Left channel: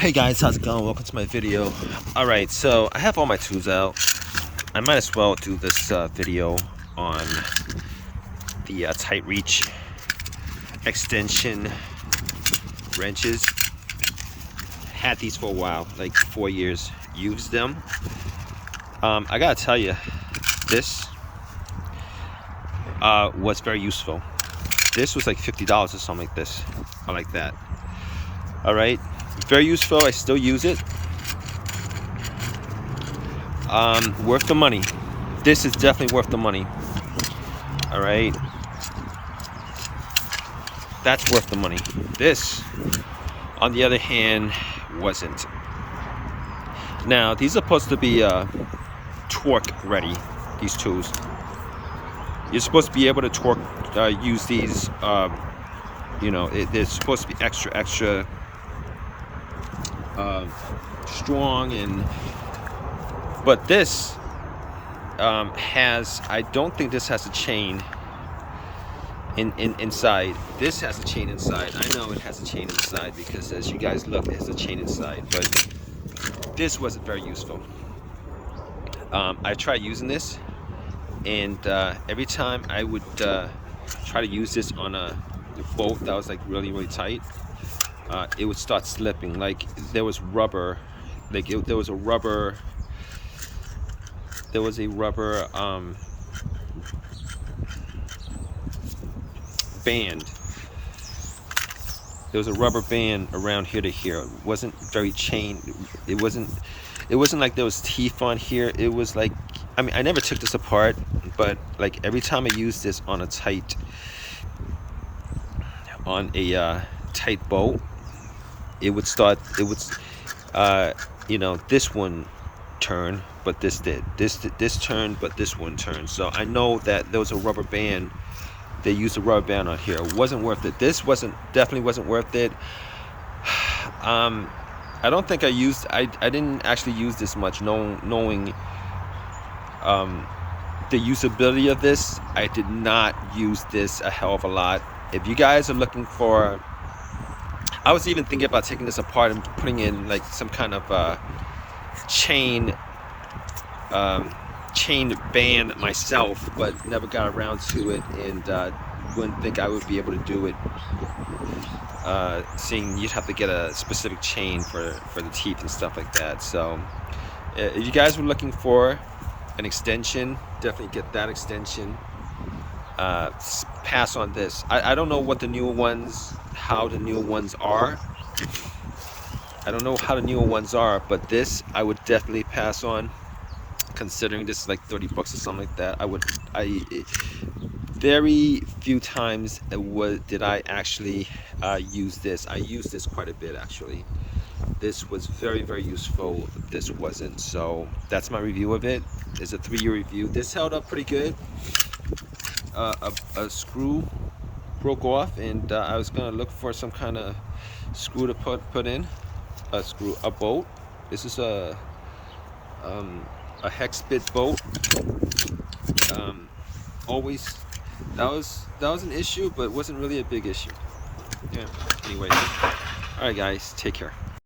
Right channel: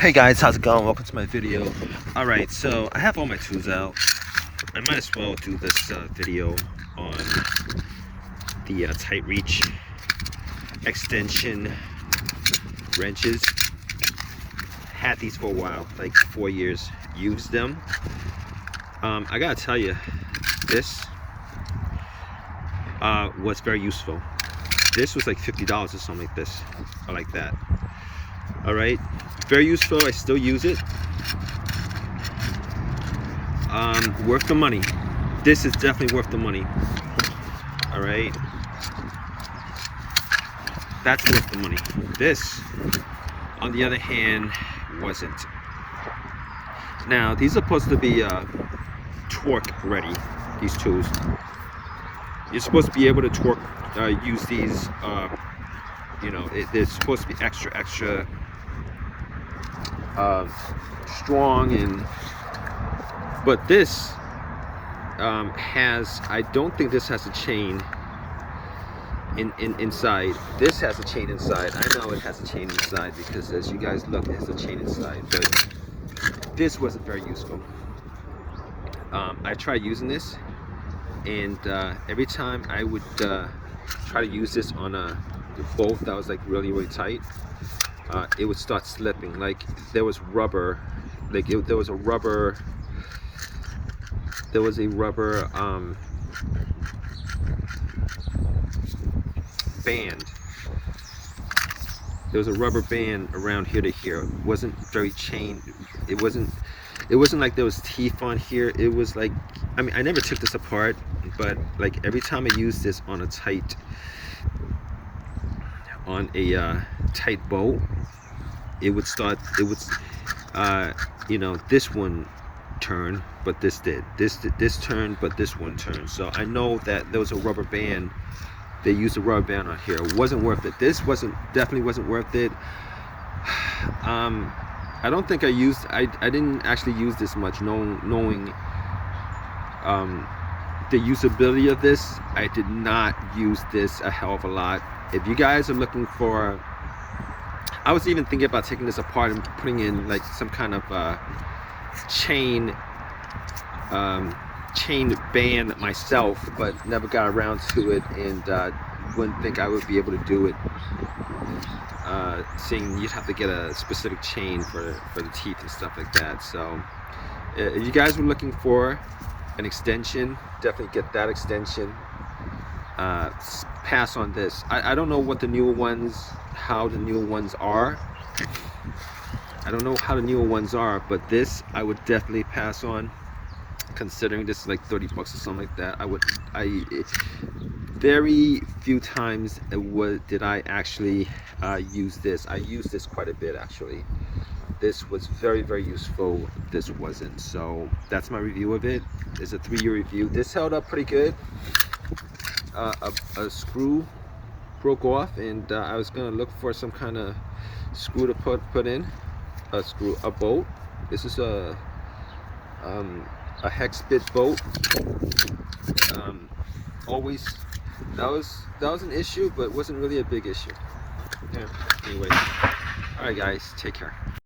Hey guys, how's it going? Welcome to my video. Alright, so I have all my tools out. I might as well do this video on the tight reach extension wrenches. Had these for a while, like 4 years. Used them. I gotta tell you, this was very useful. This was like $50 or something like this. I like that. Alright. Very useful. I still use it. Worth the money. This is definitely worth the money. All right, that's worth the money. This, on the other hand, wasn't. Now these are supposed to be torque ready. These tools. You're supposed to be able to torque use these. You know, they're supposed to be extra strong, but this has, I don't think this has a chain inside. This has a chain inside. I know it has a chain inside because as you guys look, it has a chain inside, but this wasn't very useful. I tried using this, and every time I would try to use this on a bolt that was like really tight, it would start slipping. Like there was rubber, like there was a rubber band. There was a rubber band around here to here. It wasn't very chained. It wasn't like there was teeth on here. It was like, I mean, I never took this apart, but like every time I used this on a tight bolt, it would start, you know, this one turned, but this did. This turned, but this one turned. So I know that there was a rubber band. They used a rubber band on here. It wasn't worth it. This definitely wasn't worth it. I don't think I didn't actually use this much, knowing the usability of this. I did not use this a hell of a lot. If you guys are looking for, I was even thinking about taking this apart and putting in like some kind of chain band myself, but never got around to it, and wouldn't think I would be able to do it, seeing you'd have to get a specific chain for the teeth and stuff like that. So if you guys were looking for an extension, definitely get that extension. Pass on this. I don't know what the newer ones, how the newer ones are. I don't know how the newer ones are, but this I would definitely pass on, considering this is like 30 bucks or something like that. Very few times did I actually use this. I used this quite a bit actually. This was very useful. This wasn't. So that's my review of it. It's a 3-year review. This held up pretty good. A screw broke off, and I was gonna look for some kind of screw to put in. A bolt. This is a hex bit bolt. Always that was an issue, but it wasn't really a big issue. Yeah. Anyway, all right guys, take care.